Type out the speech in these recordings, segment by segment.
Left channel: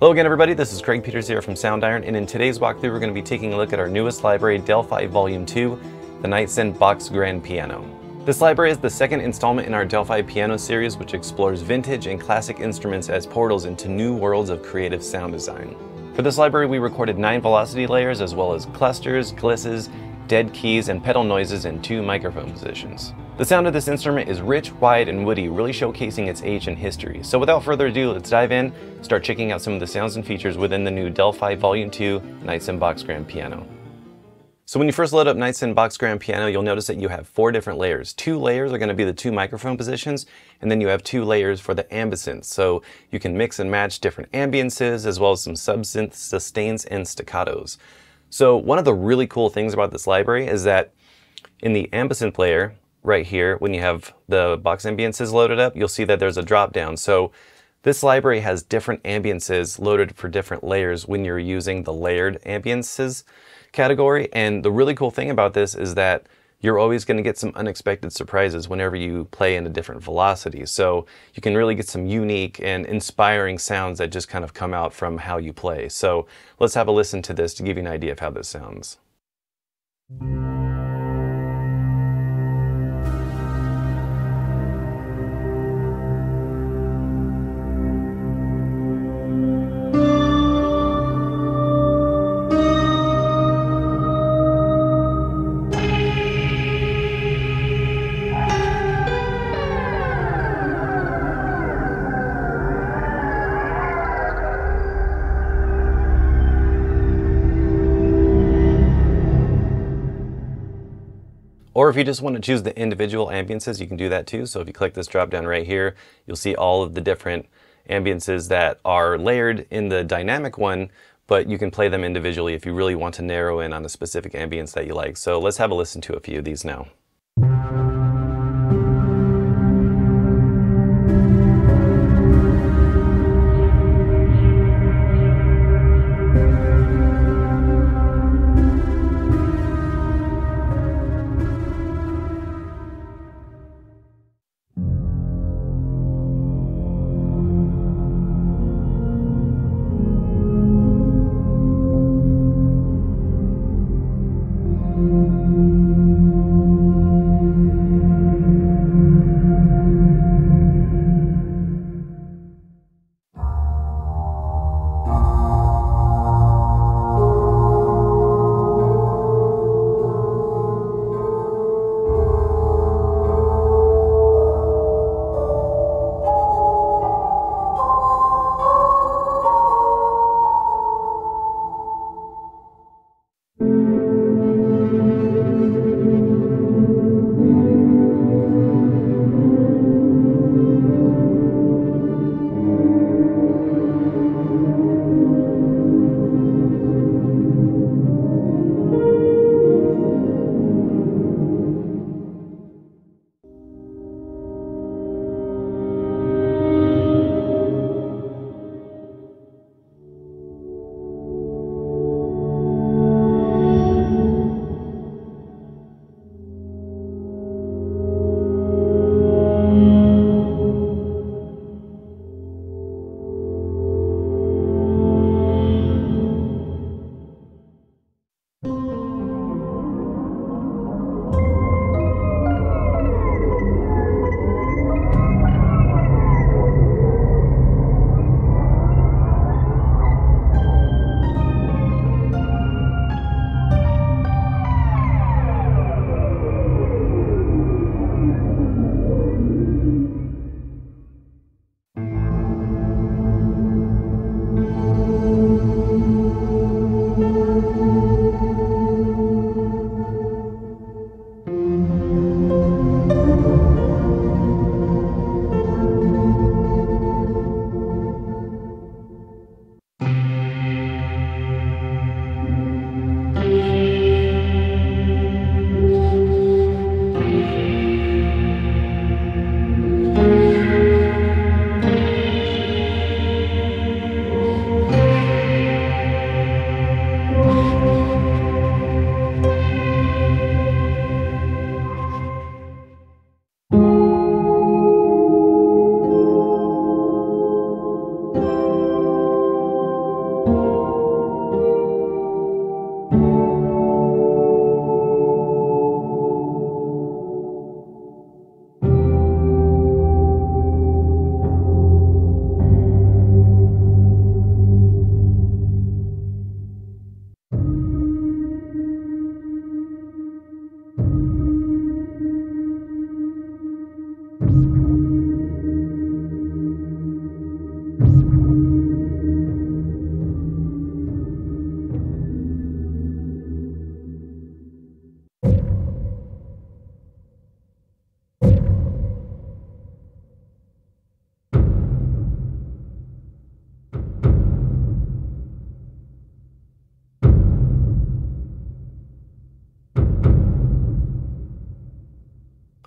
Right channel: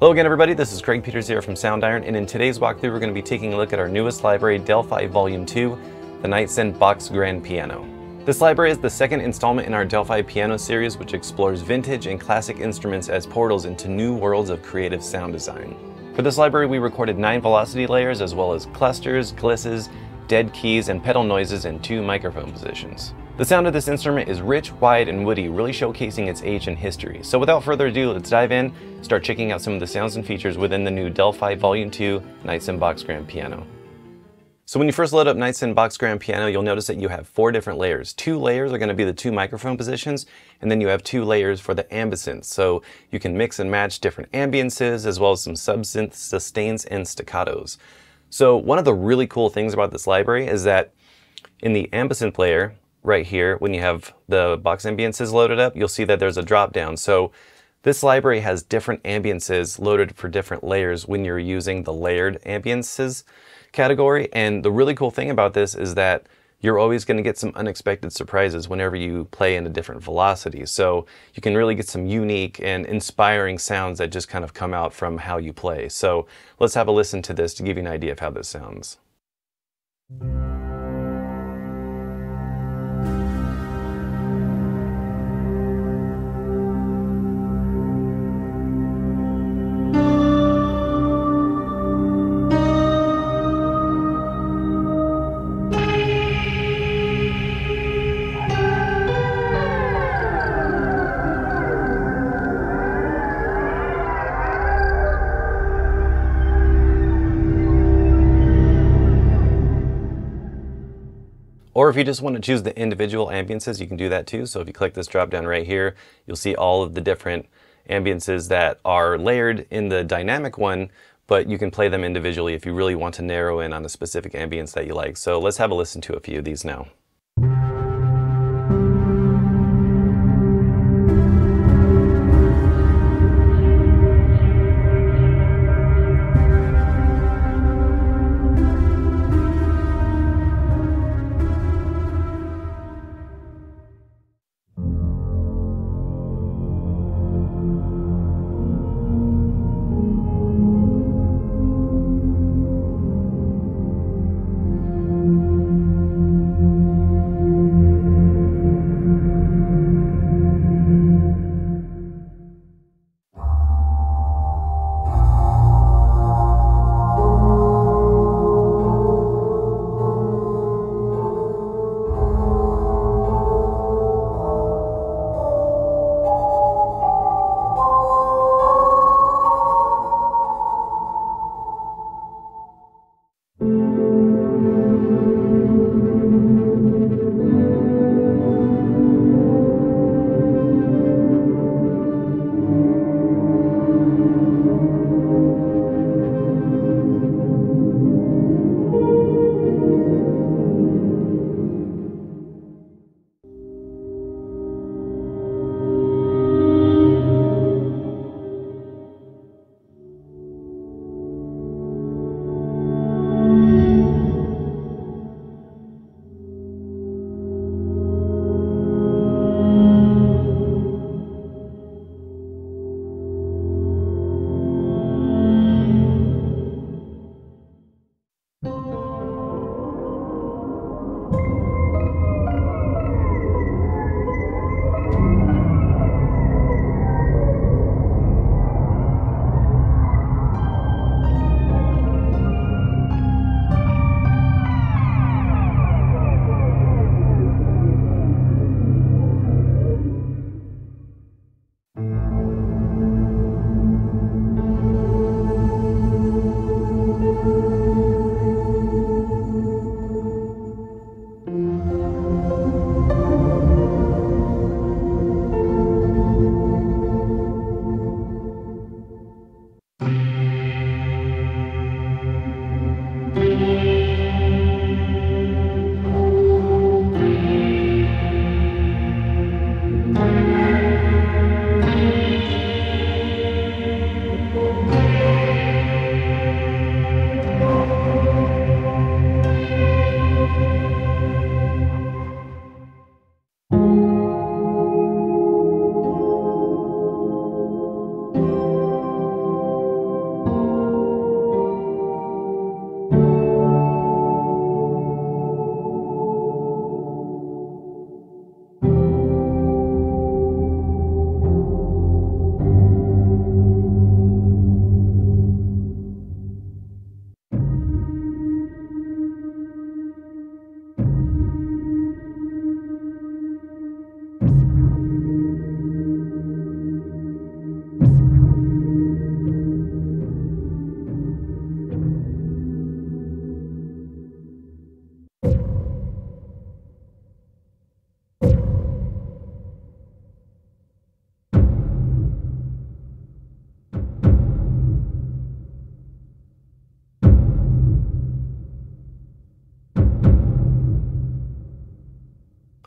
Hello again everybody, this is Craig Peters here from Soundiron, and in today's walkthrough we're going to be taking a look at our newest library, Delphi Volume 2, the Knightsen Boxgrand Piano. This library is the second installment in our Delphi piano series, which explores vintage and classic instruments as portals into new worlds of creative sound design. For this library we recorded 9 velocity layers as well as clusters, glisses, dead keys, and pedal noises in 2 microphone positions. The sound of this instrument is rich, wide, and woody, really showcasing its age and history. So without further ado, let's dive in, start checking out some of the sounds and features within the new Delphi Volume 2 Knightsen Boxgrand Piano. So when you first load up Knightsen Boxgrand Piano, you'll notice that you have 4 different layers. 2 layers are going to be the 2 microphone positions, and then you have 2 layers for the ambience. So you can mix and match different ambiances as well as some subsynth sustains and staccatos. So one of the really cool things about this library is that in the ambience layer, right here, when you have the box ambiances loaded up, you'll see that there's a drop down. So this library has different ambiances loaded for different layers when you're using the layered ambiances category. And the really cool thing about this is that you're always going to get some unexpected surprises whenever you play in a different velocity. So you can really get some unique and inspiring sounds that just kind of come out from how you play. So let's have a listen to this to give you an idea of how this sounds. Or if you just want to choose the individual ambiances, you can do that too. So if you click this drop down right here, you'll see all of the different ambiances that are layered in the dynamic one, but you can play them individually if you really want to narrow in on a specific ambience that you like. So let's have a listen to a few of these now.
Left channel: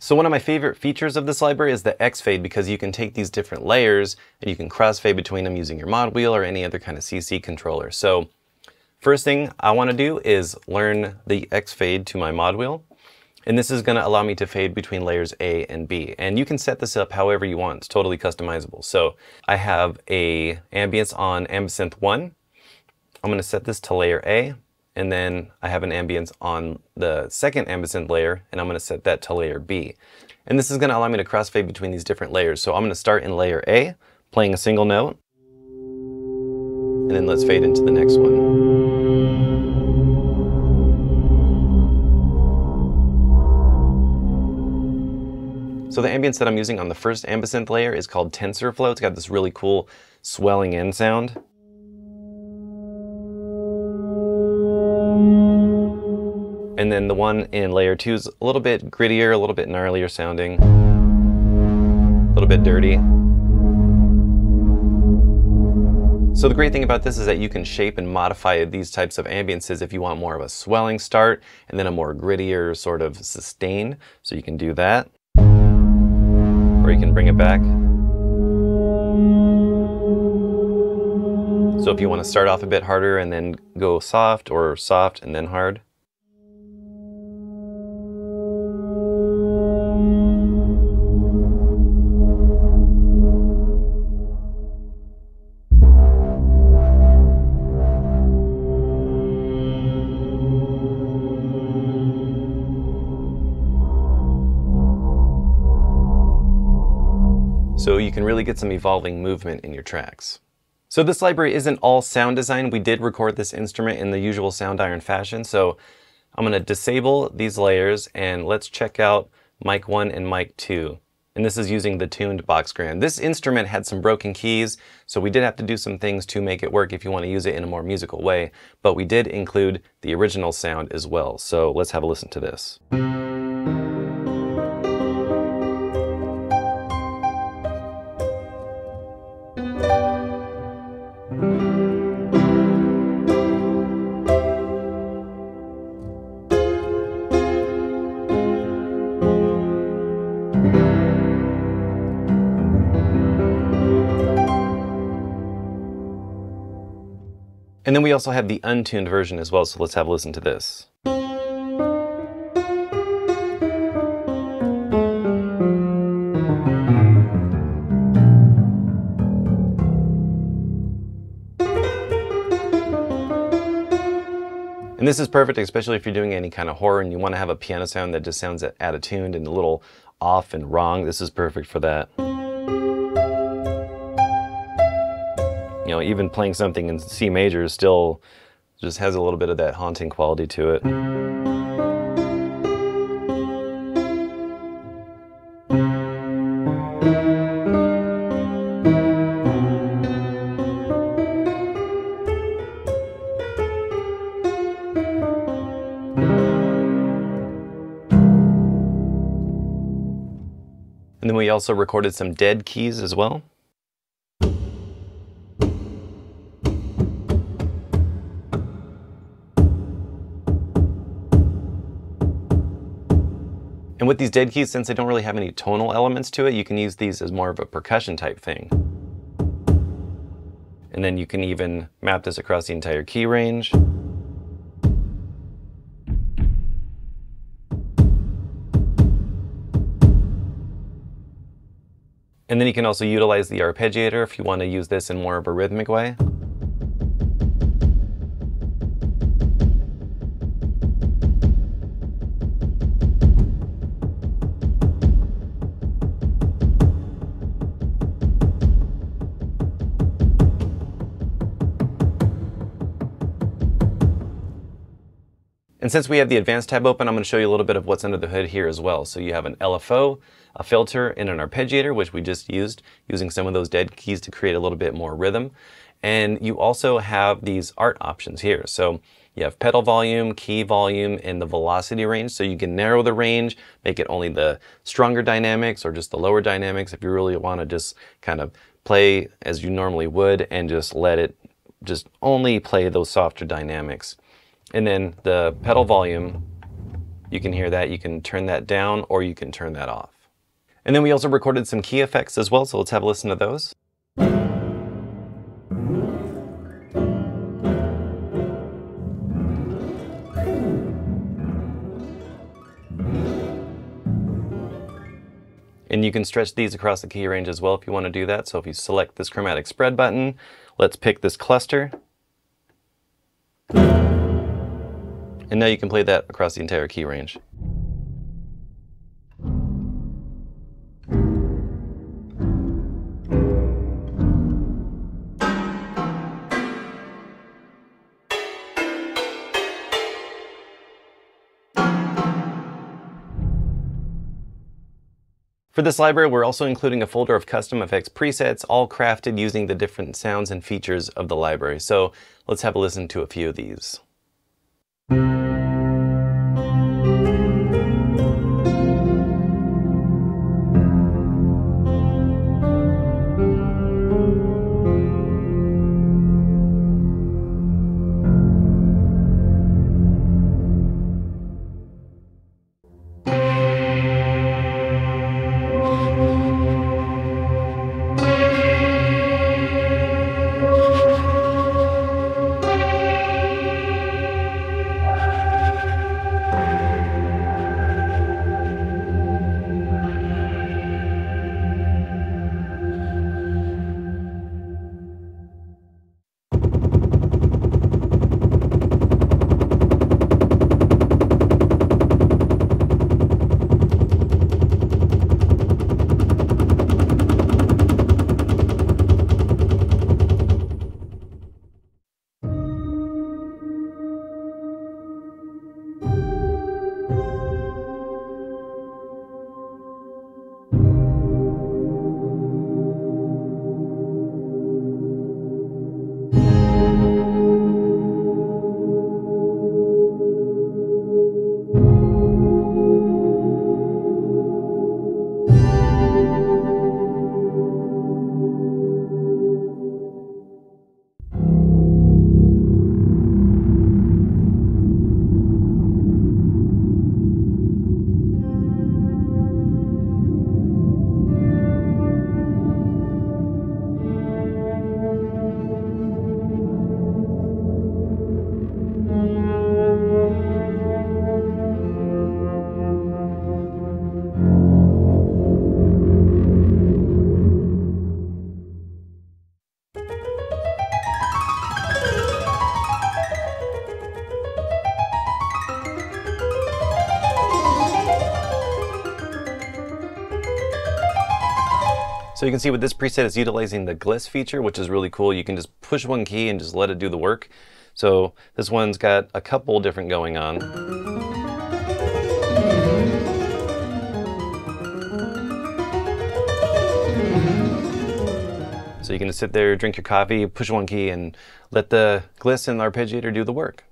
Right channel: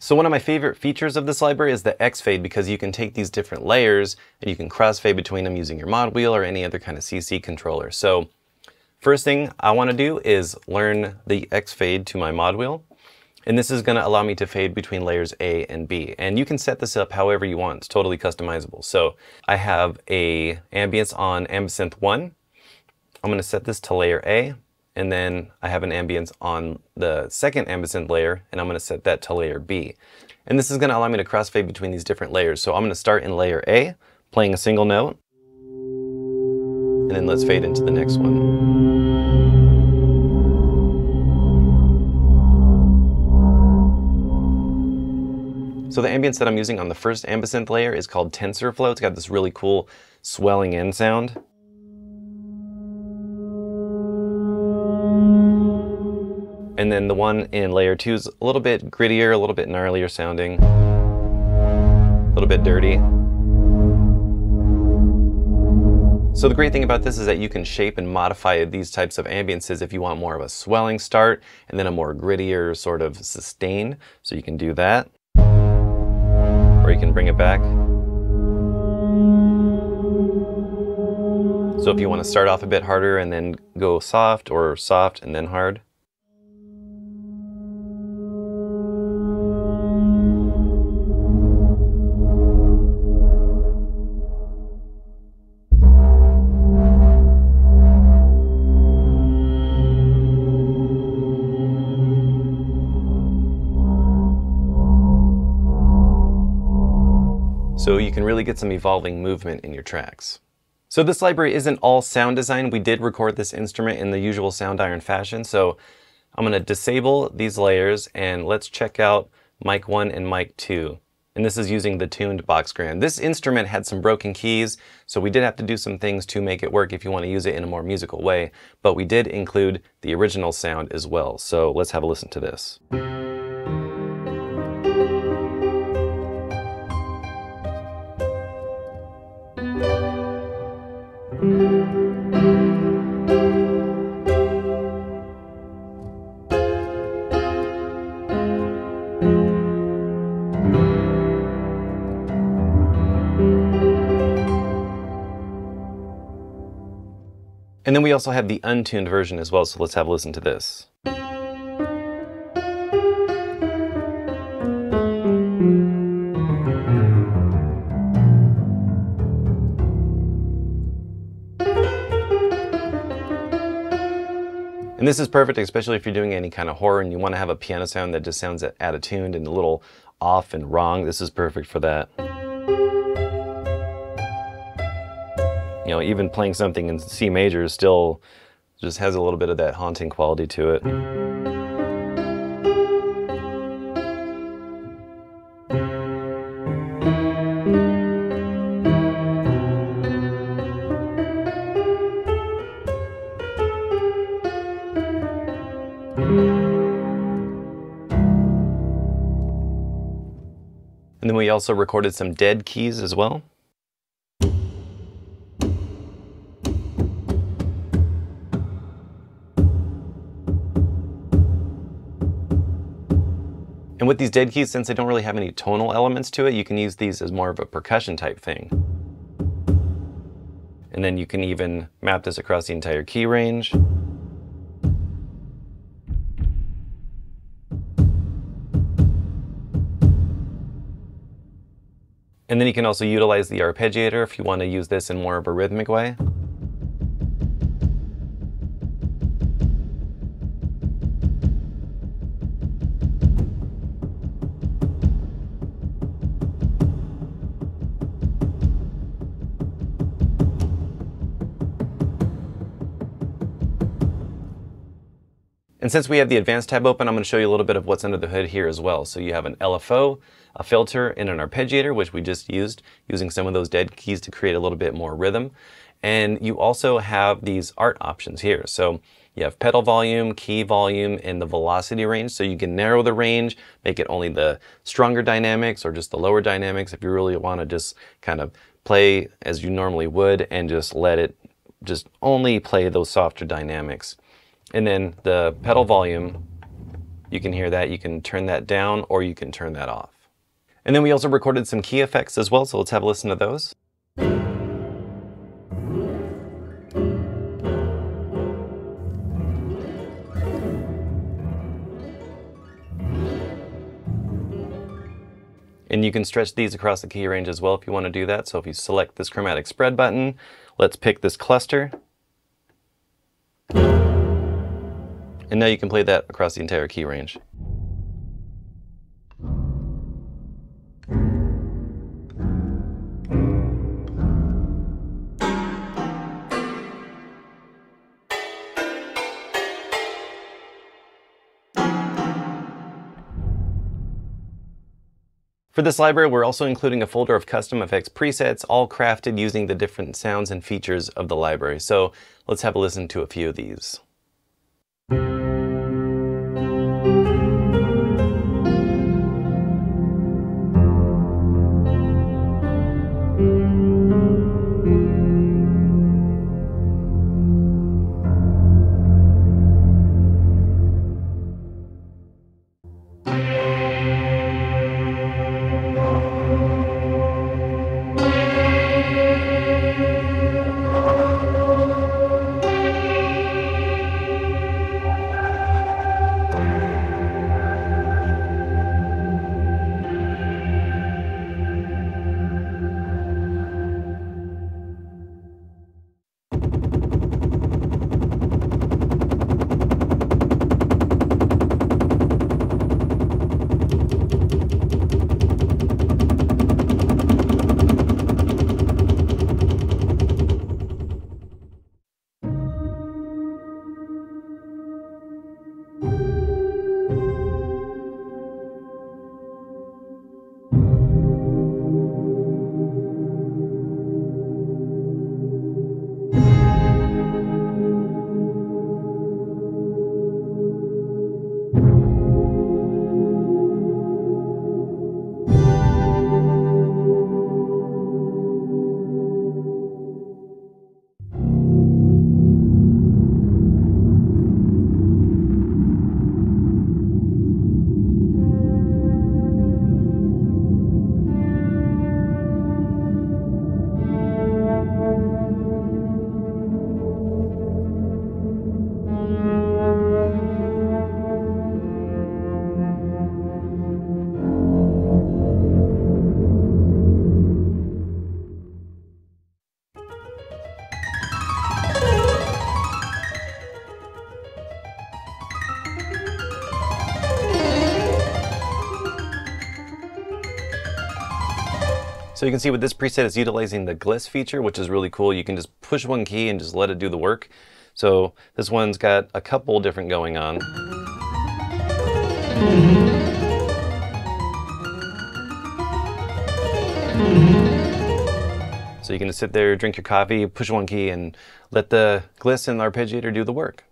So one of my favorite features of this library is the X-Fade, because you can take these different layers and you can crossfade between them using your mod wheel or any other kind of CC controller. So first thing I want to do is learn the X-Fade to my mod wheel. And this is going to allow me to fade between layers A and B. And you can set this up however you want. It's totally customizable. So I have a ambience on Ambisynth 1. I'm going to set this to layer A. And then I have an ambience on the second ambisynth layer, and I'm going to set that to layer B. And this is going to allow me to crossfade between these different layers. So I'm going to start in layer A, playing a single note. And then let's fade into the next one. So the ambience that I'm using on the first ambisynth layer is called TensorFlow. It's got this really cool swelling in sound. And then the one in layer 2 is a little bit grittier, a little bit gnarlier sounding, a little bit dirty. So the great thing about this is that you can shape and modify these types of ambiences if you want more of a swelling start and then a more grittier sort of sustain. So you can do that, or you can bring it back. So if you want to start off a bit harder and then go soft, or soft and then hard. So you can really get some evolving movement in your tracks. So this library isn't all sound design. We did record this instrument in the usual Soundiron fashion. So I'm going to disable these layers and let's check out mic 1 and mic 2. And this is using the tuned Boxgrand. This instrument had some broken keys, so we did have to do some things to make it work if you want to use it in a more musical way. But we did include the original sound as well. So let's have a listen to this. And then we also have the untuned version as well, so let's have a listen to this. And this is perfect, especially if you're doing any kind of horror and you want to have a piano sound that just sounds out of tune and a little off and wrong. This is perfect for that. You know, even playing something in C major still just has a little bit of that haunting quality to it. And then we also recorded some dead keys as well. And with these dead keys, since they don't really have any tonal elements to it, you can use these as more of a percussion type thing. And then you can even map this across the entire key range. And then you can also utilize the arpeggiator if you want to use this in more of a rhythmic way. And since we have the advanced tab open, I'm going to show you a little bit of what's under the hood here as well. So you have an LFO, a filter, and an arpeggiator, which we just used, using some of those dead keys to create a little bit more rhythm. And you also have these art options here. So you have pedal volume, key volume, and the velocity range. So you can narrow the range, make it only the stronger dynamics or just the lower dynamics if you really want to just kind of play as you normally would and just let it just only play those softer dynamics. And then the pedal volume, You can hear that. You can turn that down or you can turn that off. And then we also recorded some key effects as well, so let's have a listen to those. And you can stretch these across the key range as well if you want to do that. So if you select this chromatic spread button, let's pick this cluster. And now you can play that across the entire key range. For this library, we're also including a folder of custom effects presets, all crafted using the different sounds and features of the library. So let's have a listen to a few of these. So you can see with this preset is utilizing the gliss feature, which is really cool. You can just push one key and just let it do the work. So this one's got a couple different going on. So you can just sit there, drink your coffee, push one key, and let the gliss and the arpeggiator do the work.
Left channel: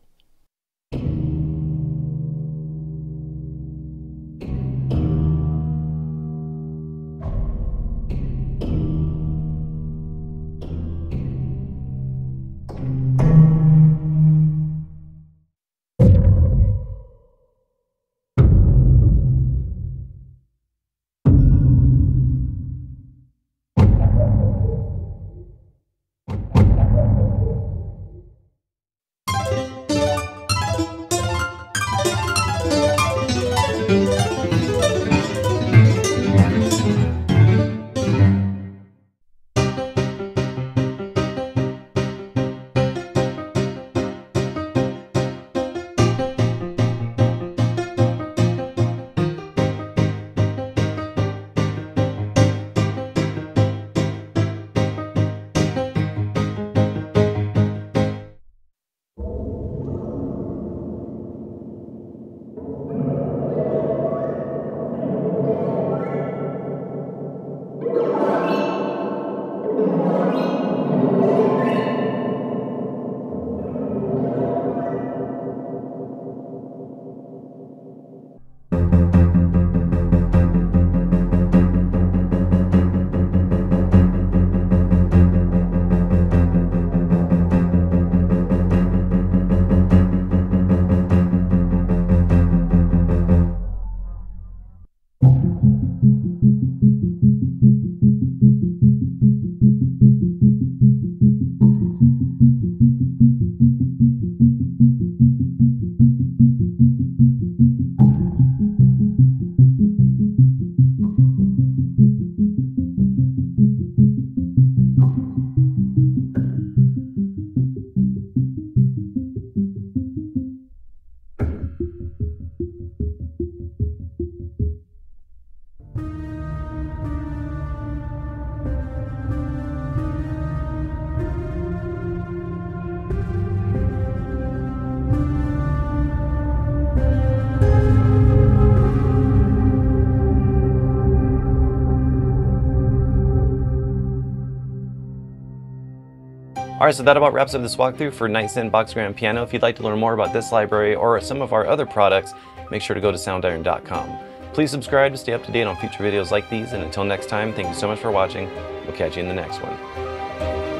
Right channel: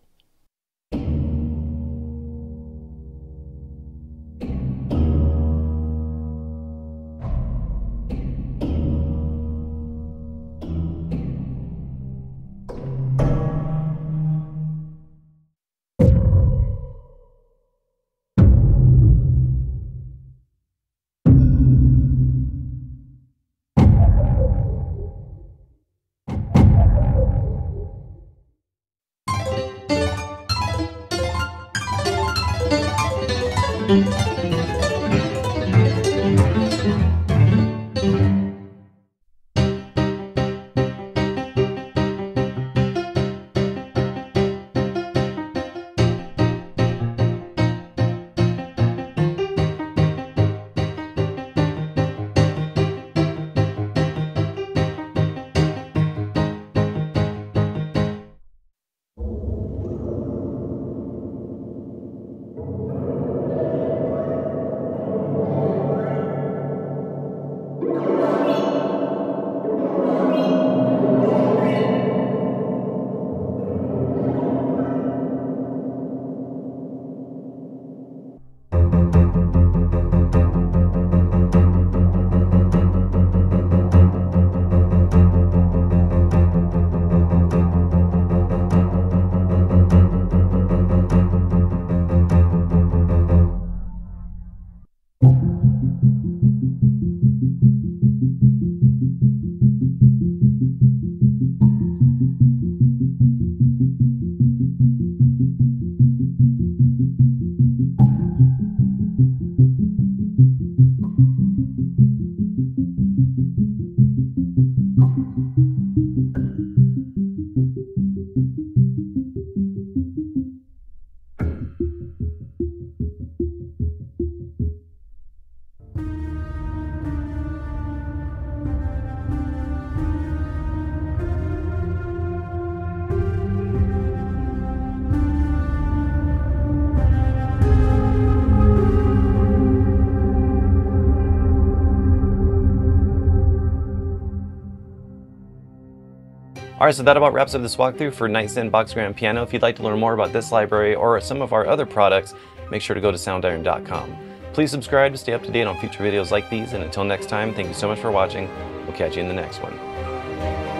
Alright, so that about wraps up this walkthrough for Knightsen Boxgrand Piano. If you'd like to learn more about this library or some of our other products, make sure to go to soundiron.com. Please subscribe to stay up to date on future videos like these, and until next time, thank you so much for watching. We'll catch you in the next one.